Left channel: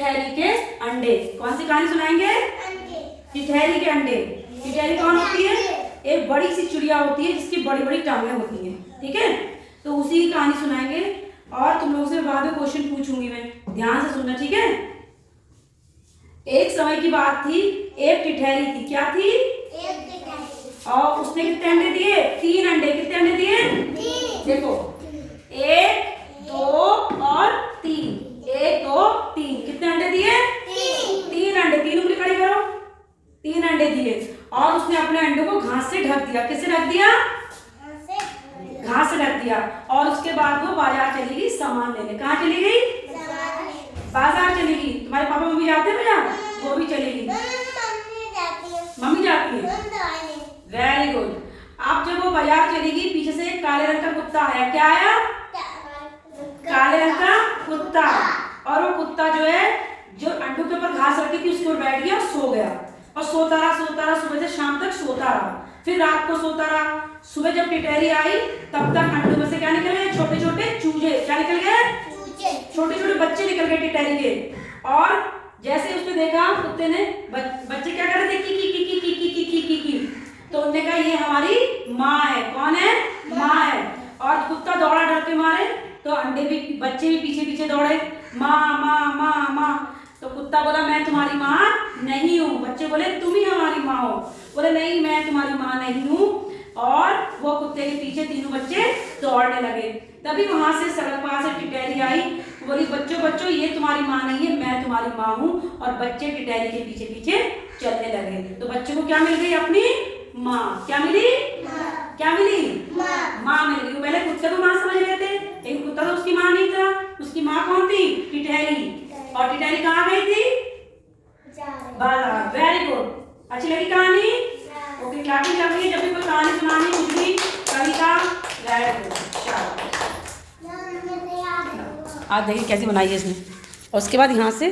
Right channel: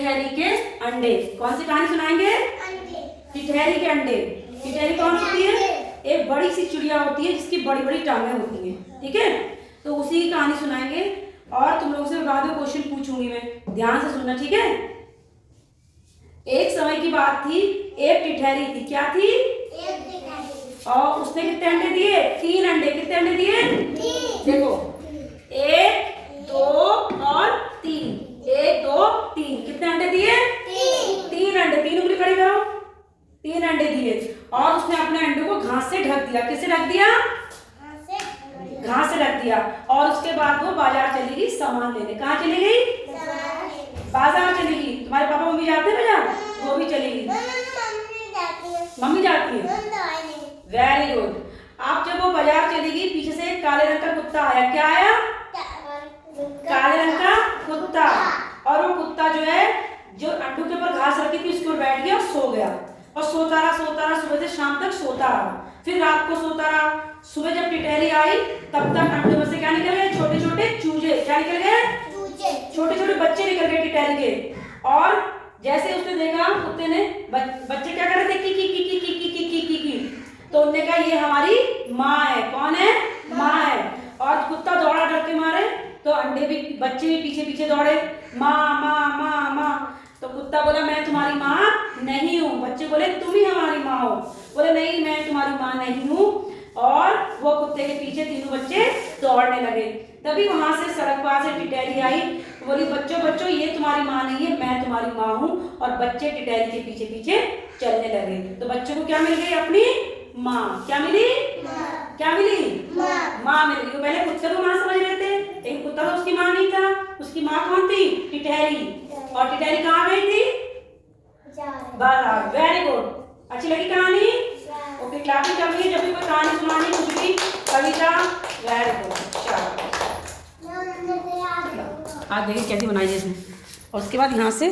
टिटहरी के अंडे। कौन सी कहानी सुनाएंगे? टिटहरी के अंडे। टिटहरी कौन होती है? एक बड़ी सी चिड़िया होती है जिसकी बड़ी बड़ी टांगें होती हैं, ठीक है। तो उसी की कहानी सुनाएंगे और तुम लोगों से बाद में क्वेश्चन पूछूंगी मैं, ध्यान से सुनना, ठीक है। एक समय की बात थी, एक टिटहरी थी। क्या थी? एक टिटहरी। और उसने कितने अंडे दिए? 3 अंडे। कितने अंडे दिए? 3। देखो 1 2 और 3। 1 2 3। कितने अंडे दिए? 3 अंडे। 3 उंगली खड़ी करो। 3 अंडे दिए और उसने अपने अंडों को घास से ढक दिया। किससे ढक दिया? घास से ढक दिया। और उसके बाद वो बाजार चली गई सामान लेने। कहाँ चली गई? बाजार चली गई। तुम्हारे पापा मम्मी जाते हैं बाजार? वो भी चली गई। मम्मी जाती है। Very good. अब जब वो बाजार चली गई, पीछे से एक काले रंग का कुत्ता आया। क्या आया? काले रंग का कुत्ता। और वो कुत्ता जो है, जो अंडों के ऊपर घास रखी थी उसके ऊपर बैठ गया और सो गया। और सोता रहा सुबह से शाम तक सोता रहा। फिर रात को सोता रहा। सुबह जब टिटहरी आई तब तक अंडों में से क्या निकल गए? छोटे छोटे चूजे। क्या निकल गए? छोटे छोटे बच्चे निकल गए टिटहरी के। और जैसे उसने देखा, कुत्ते ने, बच्चे क्या कर रहे थे? की की की की की की की की की की। तो उन्होंने कहा ये हमारी माँ है। कौन है? माँ है। और कुत्ता दौड़ा डर के मारे, तो अंडे भी, बच्चे भी पीछे पीछे दौड़े, माँ माँ माँ माँ। तो कुत्ता बोला मैं तुम्हारी माँ नहीं हूँ। बच्चे बोले तुम ही हमारी माँ हो। बोले नहीं, मैं तुम्हारी माँ नहीं हूँ। और वो कुत्ते के पीछे तीनों बच्चे दौड़ने लगे। तभी वहां से सड़क पार से टिटहरी आई, बोली बच्चों बच्चों ये तुम्हारी माँ नहीं है, मैं तुम्हारी माँ हूँ। और बच्चे टिटहरी के पीछे पीछे चलने लगे। तो बच्चों को क्या मिल गई? अपनी माँ। क्या मिली? क्या मिली? माँ मिल गई। पहले कुत्ते को माँ समझ रहे थे, लेकिन कुत्ता तो उसकी माँ नहीं था। उसकी माँ कौन थी? टिटहरी। और टिटहरी कहाँ गई थी? बाजार। Very good. अच्छी लगी कहानी? ओके, क्लैपिंग कर रही है जब भी कोई कहानी सुनानी, कुछ भी, कविता। Very good. आज देखिए कैसी बनाई है इसने। और उसके बाद यहाँ से